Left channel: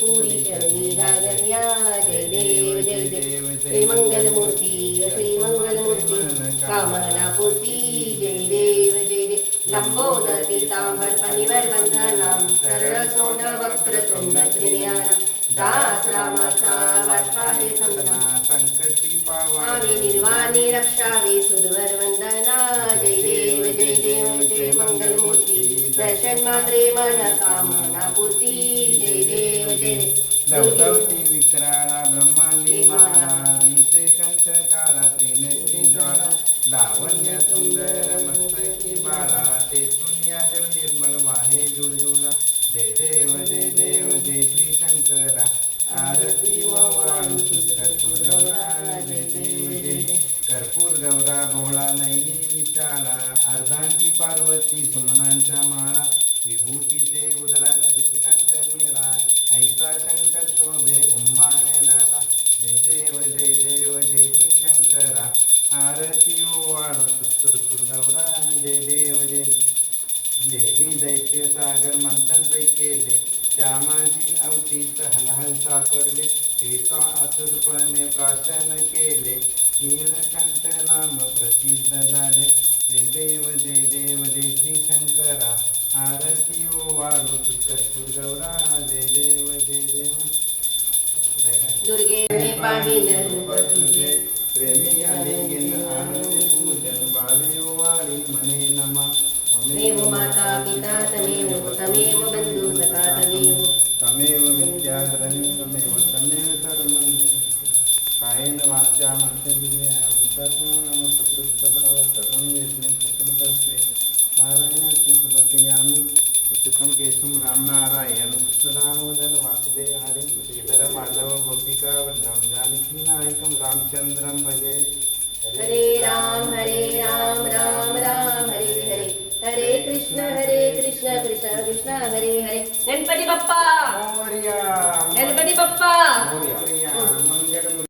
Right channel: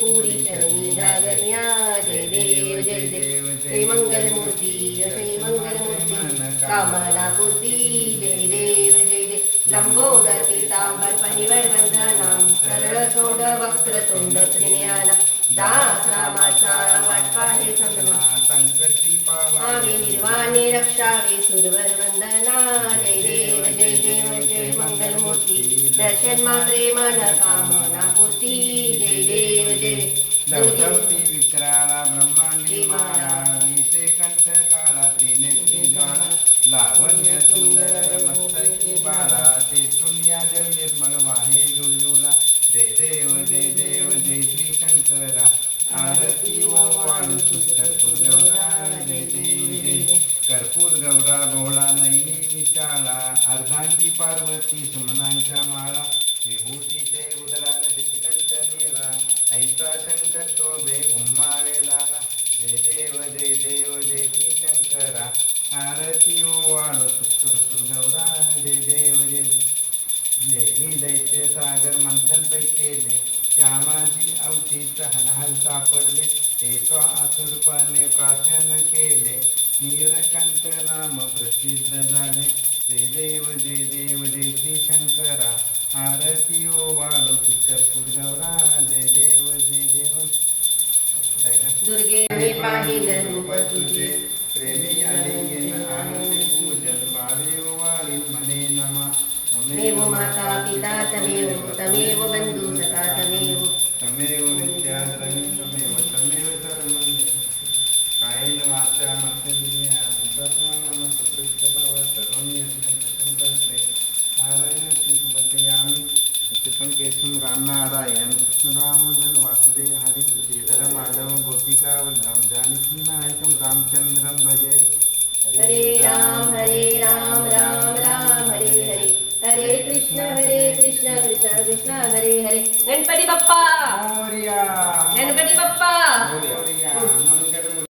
पुरी चरणी गागन्या जय देव जय देव श्री मंगलमूर्ती श्री मंगलमूर्ती कामना पूर्ती जय देव जय देव लंबोदर पीतांबर परिवर वंदनाम सरळ सोड वक्रतुंड त्रिनयनम दास रामाचा वाटपाहे संगना संकटी पावे निर्वाणे रक्षावे सुरवर वंदना जय देव जय देव जय मंगलमूर्ती दर्शन मात्रे मन कामना पूर्ती जय देव जय दौतवती विक्राळा ब्रह्मांडी माळा विषे कंठ काळा त्रिनेत्री ज्वाळा लावण्य सुंदर मस्तकी बाळा ते शून्याजल निर्मळ वाहे जुळजुळा जय देव जय श्री शंकरा आरती वाळू कर्पूर गौरा जय देव जय कर्पूर गौरा भोळा नैनी विशाळा अर्धांगी पार्वती सुमनांच्या माळा विभूतीचे उदलान तिथिकंठ नीळा ऐसा शंकर शोभे उम्माळेला जय देव जय श्री शंकरा आरती वाळू कर्पूर गौरा जय देव जय देवी दैत्य सागर मंथन केले श्यामाजी अवतीत हलहल सापडले ते असुरपणे प्राशन केले नीलकंठ नाम प्रसिद्ध झाले जय देव जय श्री शंकरा आरती वाळू कर्पूर गौरा जय देव दुर्गे पाहिन रूप तुझे प्रेमी आलिंगन आणि पूजन बावे वाळी म्हणे नमा तमेव माता पिता तमेव बंधू सखा तमेव विद्याधरण तमेव धर्मं कायेन वाचा मनसेंद्रिया बुद्धात्मनाम सुकृत भाव सर्वं यज्ञ प्रसन्नतस्मै नारायणाचे सुमतयामि सुखं केशं रामनारायण कृष्णदामोदर वासुदेव हरि श्रीधर माधव गोपिका वल्लभ जानकी नायकं रामचंद्रं भजे हरे राम राम राम हरे हरे हरे कृष्ण कृष्ण कृष्ण हरे हरे गणपती बाप्पा मोरया